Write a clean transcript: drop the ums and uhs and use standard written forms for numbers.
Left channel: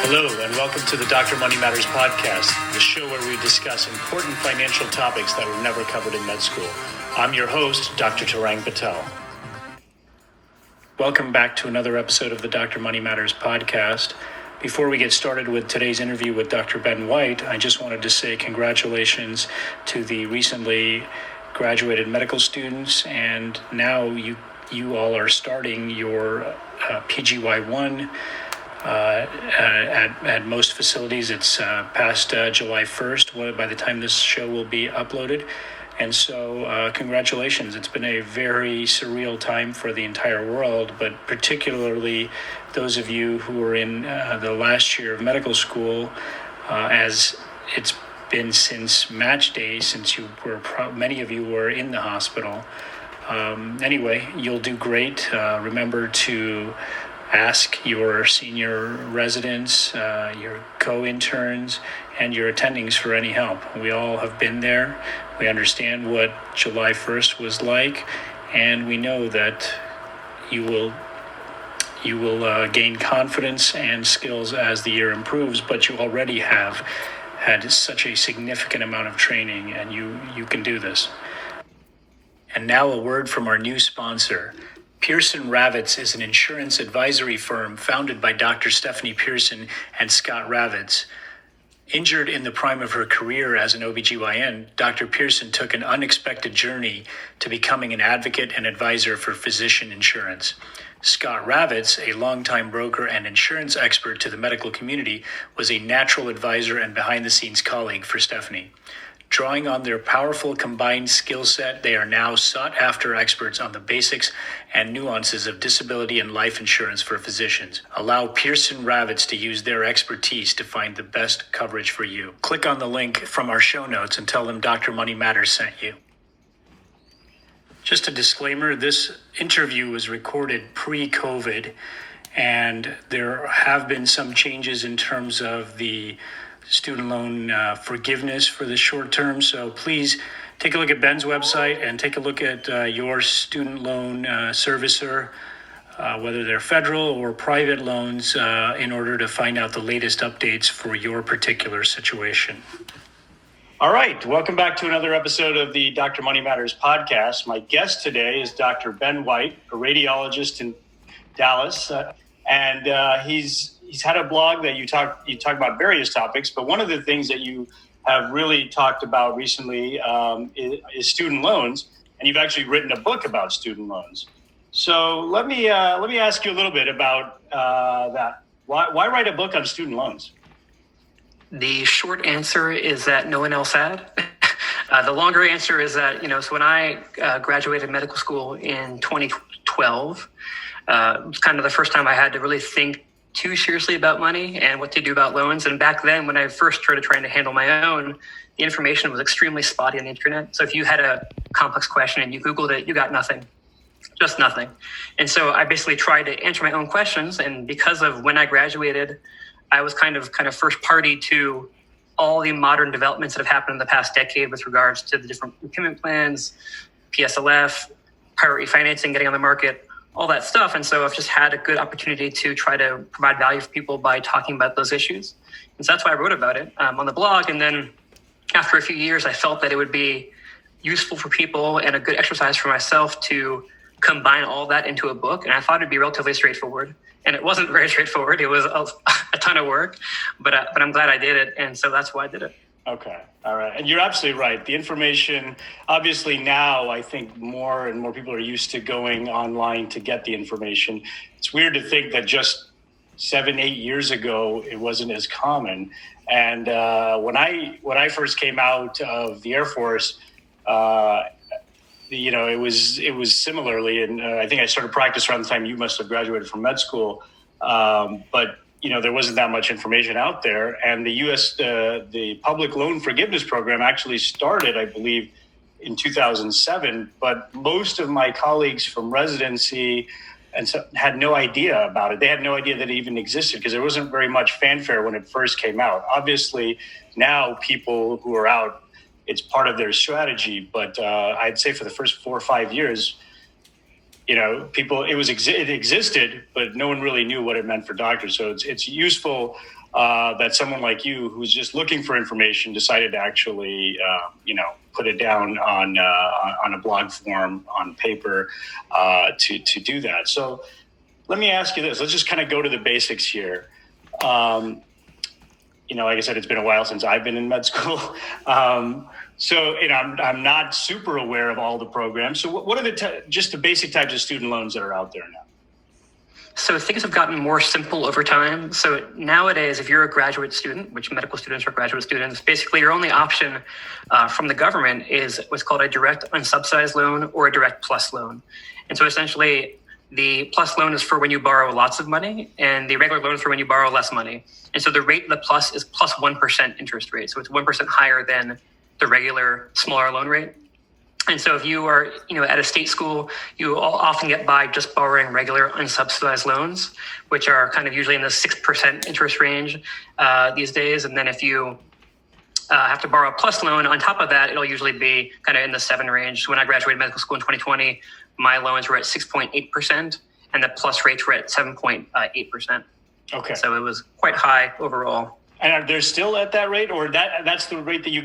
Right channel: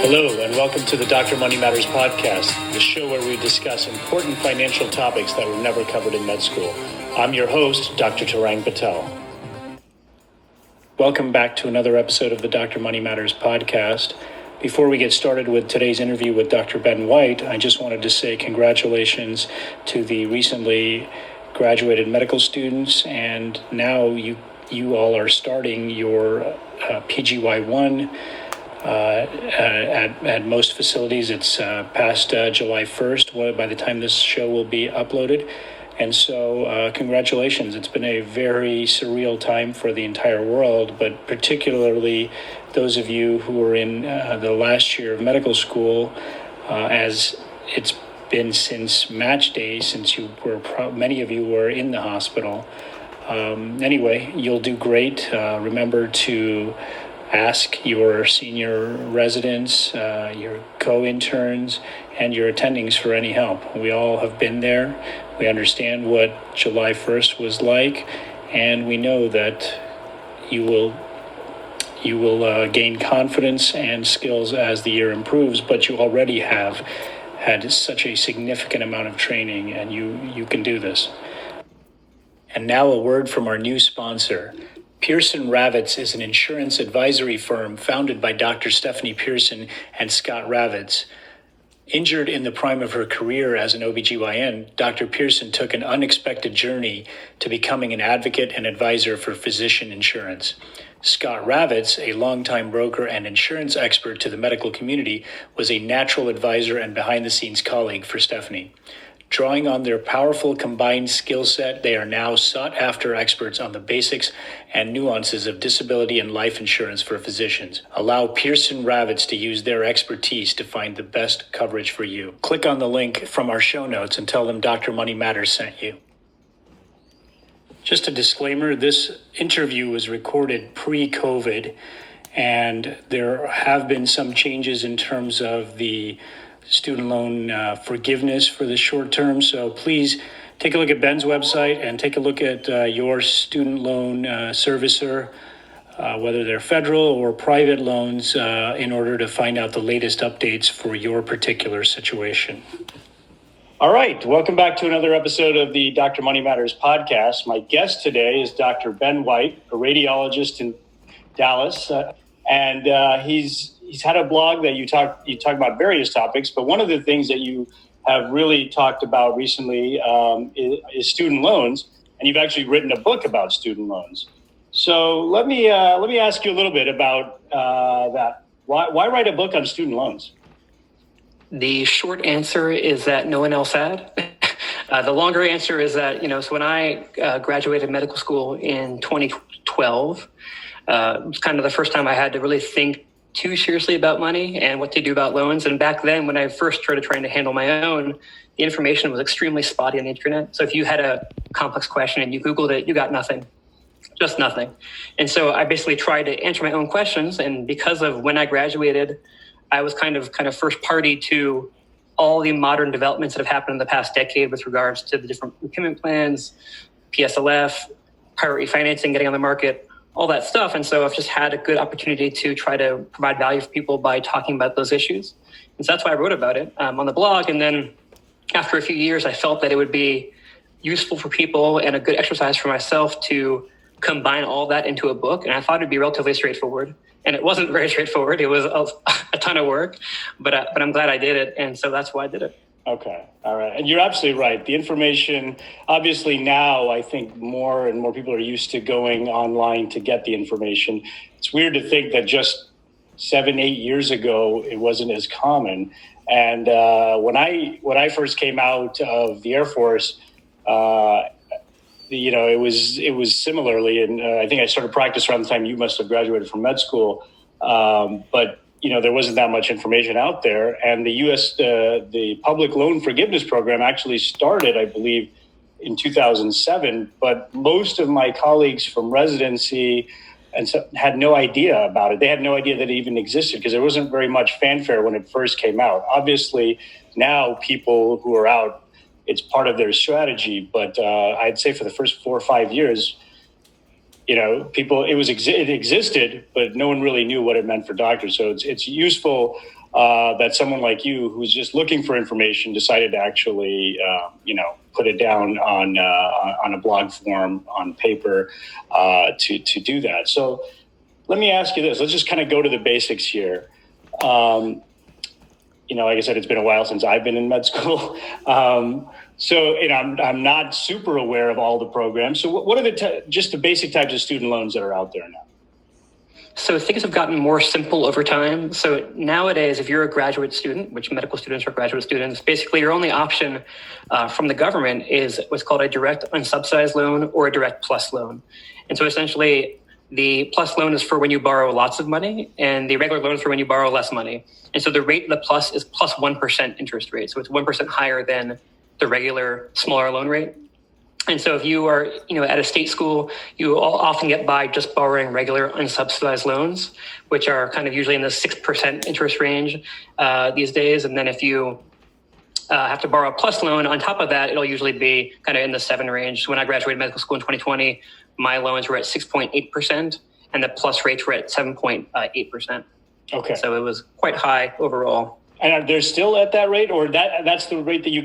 Hello, and welcome to the Dr. Money Matters podcast, the show where we discuss important financial topics that were never covered in med school. I'm your host, Dr. Tarang Patel. Welcome back to another episode of the Dr. Money Matters podcast. Before we get started with today's interview with Dr. Ben White, I just wanted to say congratulations to the recently graduated medical students, and now you all are starting your PGY1. At most facilities, it's past July 1st by the time this show will be uploaded. And so congratulations. It's been a very surreal time for the entire world, but particularly those of you who are in the last year of medical school, as it's been since match day, since many of you were in the hospital. Anyway, you'll do great. Remember to ask your senior residents, your co-interns, and your attendings for any help. We all have been there. We understand what July 1st was like, and we know that you will gain confidence and skills as the year improves, but you already have had such a significant amount of training, and you can do this. And now a word from our new sponsor. Pearson Ravitz is an insurance advisory firm founded by Dr. Stephanie Pearson and Scott Ravitz. Injured in the prime of her career as an OBGYN, Dr. Pearson took an unexpected journey to becoming an advocate and advisor for physician insurance. Scott Ravitz, a longtime broker and insurance expert to the medical community, was a natural advisor and behind-the-scenes colleague for Stephanie. Drawing on their powerful combined skill set, they are now sought-after experts on the basics and nuances of disability and life insurance for physicians. Allow Pearson Ravitz to use their expertise to find the best coverage for you. Click on the link from our show notes and tell them Dr. Money Matters sent you. Just a disclaimer, this interview was recorded pre-COVID, and there have been some changes in terms of the student loan forgiveness for the short term. So please take a look at Ben's website and take a look at your student loan servicer, whether they're federal or private loans, in order to find out the latest updates for your particular situation. All right, welcome back to another episode of the Dr. Money Matters podcast. My guest today is Dr. Ben White, a radiologist in Dallas, and he's had a blog that you talk about various topics, but one of the things that you have really talked about recently is student loans, and you've actually written a book about student loans. So let me ask you a little bit about that. Why write a book on student loans? The short answer is that no one else had. The longer answer is that, so when I graduated medical school in 2012, it was kind of the first time I had to really think too seriously about money and what to do about loans. And back then, when I first started trying to handle my own, the information was extremely spotty on the internet. So if you had a complex question and you Googled it, you got nothing, just nothing. And so I basically tried to answer my own questions. And because of when I graduated, I was kind of first party to all the modern developments that have happened in the past decade with regards to the different repayment plans, PSLF, private refinancing, getting on the market, all that stuff. And so I've just had a good opportunity to try to provide value for people by talking about those issues. And so that's why I wrote about it on the blog. And then after a few years, I felt that it would be useful for people and a good exercise for myself to combine all that into a book. And I thought it'd be relatively straightforward. And it wasn't very straightforward. It was a ton of work, but I'm glad I did it. And so that's why I did it. Okay. All right. And you're absolutely right. The information, obviously now, I think more and more people are used to going online to get the information. It's weird to think that just 7-8 years ago, it wasn't as common. And when I first came out of the Air Force, it was similarly, and I think I started practice around the time you must have graduated from med school. But there wasn't that much information out there, and the the public loan forgiveness program actually started, I believe, in 2007. But most of my colleagues from residency and so had no idea about it. They had no idea that it even existed because there wasn't very much fanfare when it first came out. Obviously, now people who are out, it's part of their strategy. But I'd say for the first 4 or 5 years, people, it existed, but no one really knew what it meant for doctors. So it's useful that someone like you, who's just looking for information, decided to actually, put it down on a blog form on paper to do that. So let me ask you this. Let's just kind of go to the basics here. Like I said, it's been a while since I've been in med school. So I'm not super aware of all the programs. So what are just the basic types of student loans that are out there now? So things have gotten more simple over time. So nowadays, if you're a graduate student, which medical students are graduate students, basically your only option from the government is what's called a direct unsubsidized loan or a direct plus loan. And so essentially, the plus loan is for when you borrow lots of money, and the regular loan is for when you borrow less money. And so the rate of the plus is plus 1% interest rate. So it's 1% higher than the regular smaller loan rate. And so if you are, at a state school, you often get by just borrowing regular unsubsidized loans, which are kind of usually in the 6% interest range these days. And then if you have to borrow a plus loan on top of that, it'll usually be kind of in the 7 range. So when I graduated medical school in 2020, my loans were at 6.8%, and the plus rates were at 7.8%. Okay. So it was quite high overall. And are they still at that rate, or that's the rate that you get